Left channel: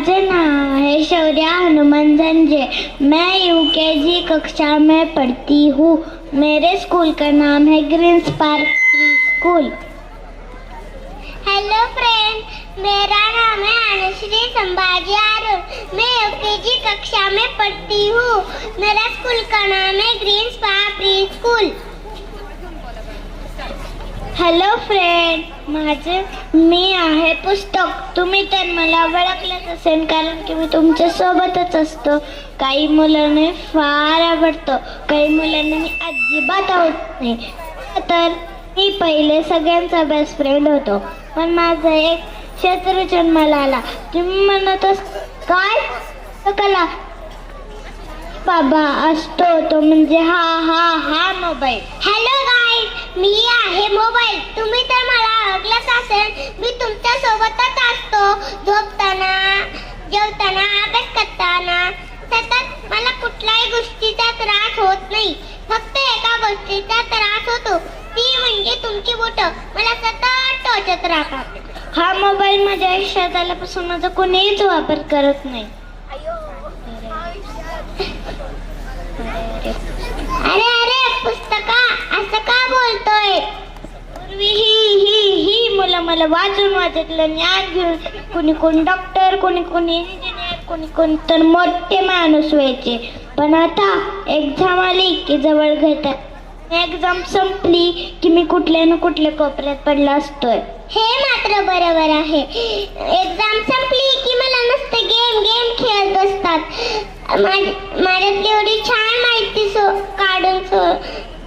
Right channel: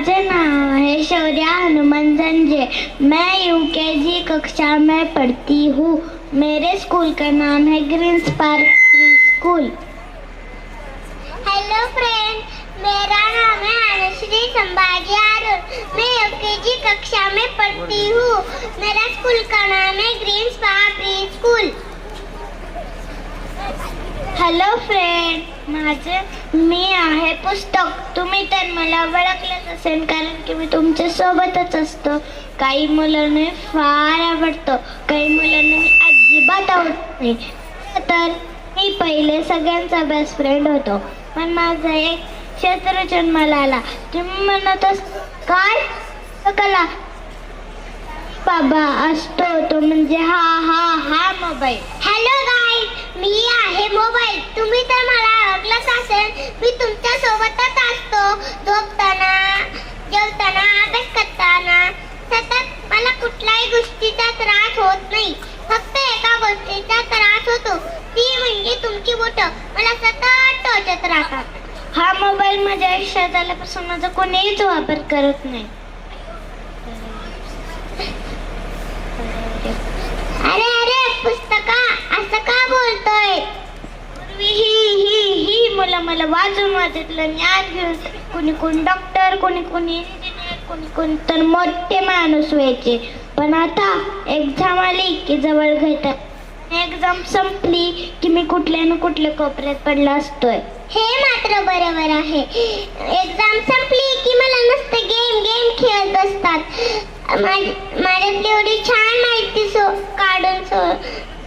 माझे नाम है शौर्या हनुमान झंझे। मैं यूकेजी कक्षा में पढ़ती हूँ। मेरे स्कूल का नाम है greens park pre school. Hello friend, मेरा नाम है अनुश्री संभाजी अरुण। मैं यूकेजी कक्षा में पढ़ती हूँ। मेरा स्कूल का नाम है greens park pre school. Hello friend, मी आहे पुस्तक। तुम्ही तर मला ओळखलंच असेल, कारण की मी तुमच्या सोबतच असतो। काही मुलांना फार आवडतं, काही मुलांना मी अजिबात आवडत नाही। तर मी पहिले सगळ्यांचा बेस्ट फ्रेंड होतो, पण माझा एक शत्रू जन्माला आला। तुम्ही म्हणत काय कला बाबा असतो तो म्हणजे हा मोबाईल। हॅलो गाईज, मी आहे मोबाईल। तुम्ही तर मला ओळखलंच असेल, मी तुमच्या सोबतच असतो। झोपताना, जेवताना, अभ्यास करताना सतत मला कुठल्याही गोष्टीचा त्रास होत नाही। फक्त एका गोष्टीचा त्रास होतो, ती म्हणजे तुमची बोटं मला सतत टोचत राहतात। हा मोबाईल माझ्या आयुष्यात आल्यापासून माझा कोणीच वापर करत नाही। अरे पुस्तका, असं का बोलतोय? ही मुलं मला वाचून ज्ञान घेऊन कोणी डॉक्टर, कोणी इंजिनियर, कोणी तर मोठे माणूस व्हायचे। पण आता एक्झाम आली की जवळ भेटत, एक्झाम संपली की मी कुठल्या ना कुठल्या कोपऱ्यात पडला असतोय। हे मात्र बरोबर आहे। एक्झाम संपली की मला नुसतं गेम खेळत बसतात। माझ्यात एवढी छान माहिती काढून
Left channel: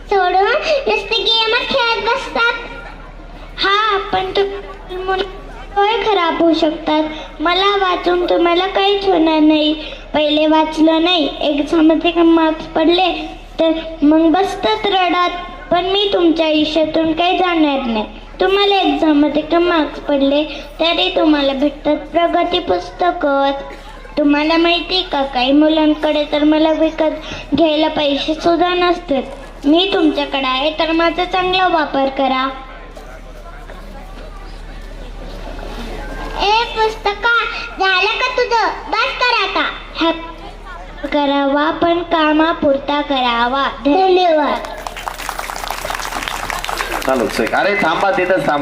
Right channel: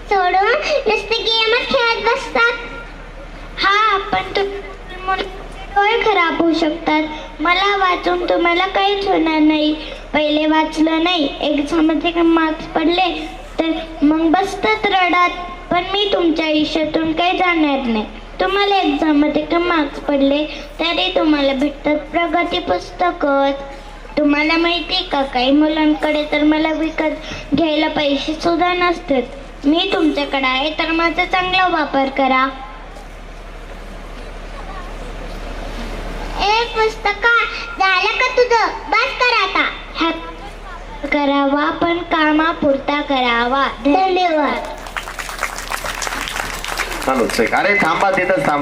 सोडून नुसते गेमच खेळत बसतात। हा, पण डोळे खराब होऊ शकतात। मला वाचून तुम्हाला काहीच होणार नाही। पहिले वाचलं नाही, एक्झाम मध्ये मार्क्स पडले तर मग बसतात रडत। पण मी तुमच्या आयुष्यातून काही जाणार नाही। तुम्हाला एक्झाम मध्ये मार्क्स पडले तरी तुम्हाला भेटतात प्रगती पुस्तकच। तुम्हाला माहिती का, काही मुलांकडे तर मला विकत घ्यायला पैसे सुद्धा नसतात। मी तुमच्याकडे आहे तर माझा चांगला वापर करा। ए पुस्तका, झालं का तुझं? बस कर आता। करावा पण कामापुरता करावा। धन्यवाद। चालू अरे थांबा, तिथं थांबा।